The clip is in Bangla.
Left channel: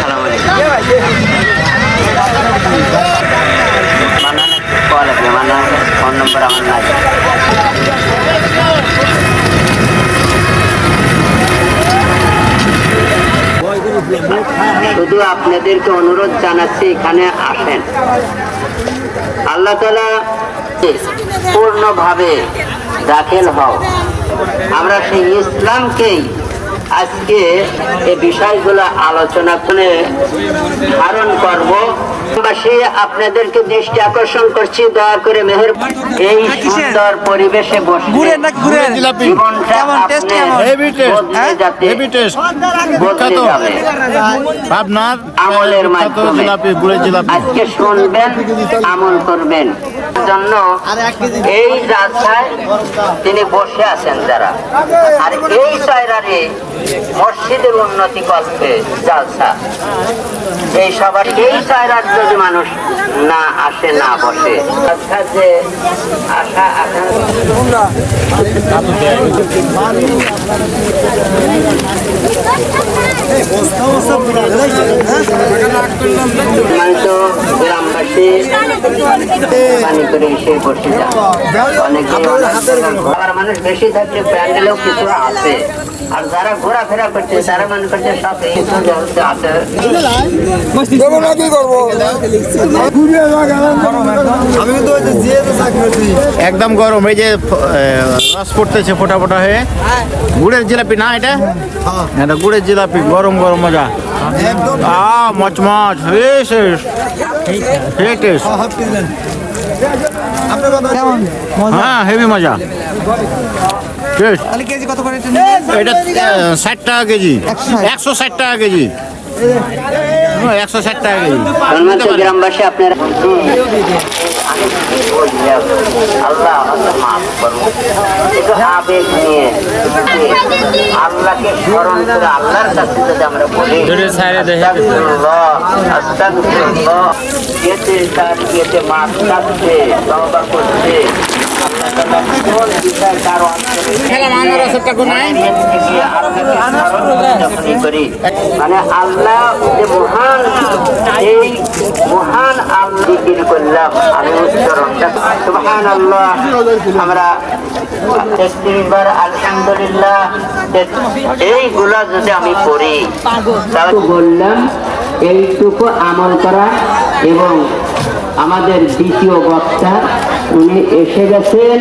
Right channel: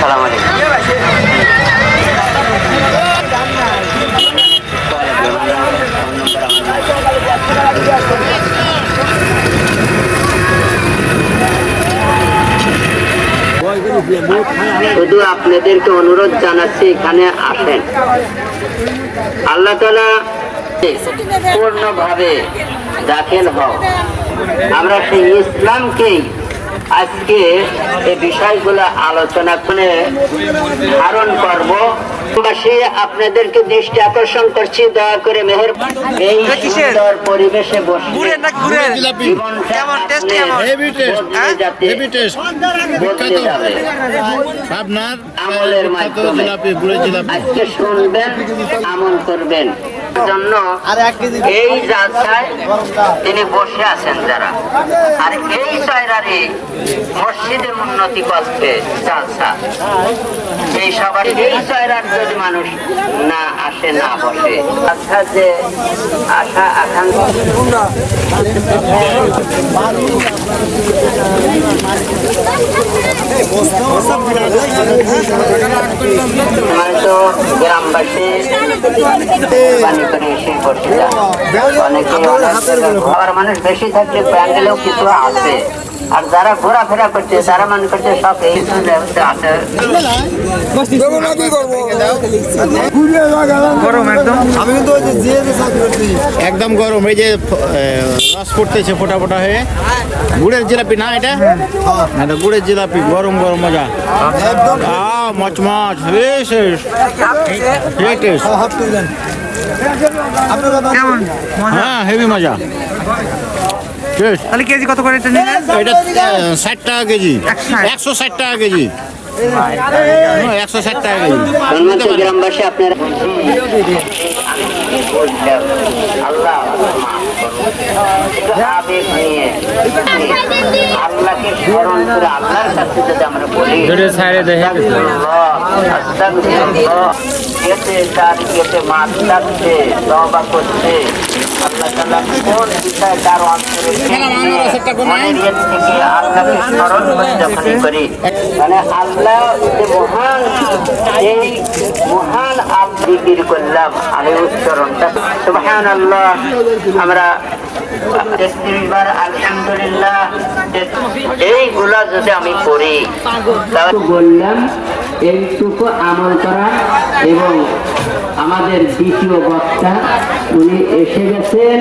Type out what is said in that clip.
সালাম আলাইকুম। ফোন নম্বর আমার শুধু আপনাদেরকে অনুরোধ জানাচ্ছি, এখানে আসেন। আল্লাহ তালা পূর্ণভাবে দাখিল হও। আমরা সেই ইসলামকেই আজকে এই বিষয়গুলো আলোচনা করে ধারণ করব। আপনাদেরকে দৃষ্টি আকর্ষণ করছি দয়া করে মেহের এই সুন্দর পরিবেশে বসে? জীবনটা আপনার বদলে যাতে বদলে যাবে। পাবনার আমলের মাধ্যমে। আজকে শুনবেন আমল করবেন। জন্য এই রাস্তায় তিনি বসে আছেন যারা। আর এই জায়গারে মসজিদের উন্নতি করতে এই সবার এই জায়গার যদি মানুষ না আসে না বসে। আচ্ছা যে আশা আকাঙ্ক্ষা। গ্রামবাসী অনেকে মানুষ বেশি থাকলে প্যান্ডেলেও কিছু আছে। আর যারা ঘোরাফেরা করছে তারা মনে করছে সব এই আছে। আমি কিন্তু ওই যে জিয়ে যে চাকরি করছি। একদম গরম এই যে রস পড়তেছে ফোটা ফোটা হয়ে। গুড়ের জিলাপি না এটা? এটা গুড়ের জিলাপি গরম গরম মজা। আ মচমচ বেশ কেমন? হ্যাঁ হেভি মজা। তাহলে কেজি কত করে এটা নিলেন? এটা ষাট টাকা কেজি। একশো ষাট টাকা কেজি। হ্যাঁ, একশো ষাট টাকা কেজি। গ্রামবাসী আপনারা মাছ কাটছে করছে। মানে আল্লাহ যে মহান এই মহান আল্লাহ করলাম আমি আল্লাহ আমরা তেত্রিশ বার আলহামদুলিল্লাহ এইগুলা যদি আমি করি বললাম এইটুকু আমল করা এবং আমাদের দ্বিতীয় বক্তা উনি এসে গেছেন।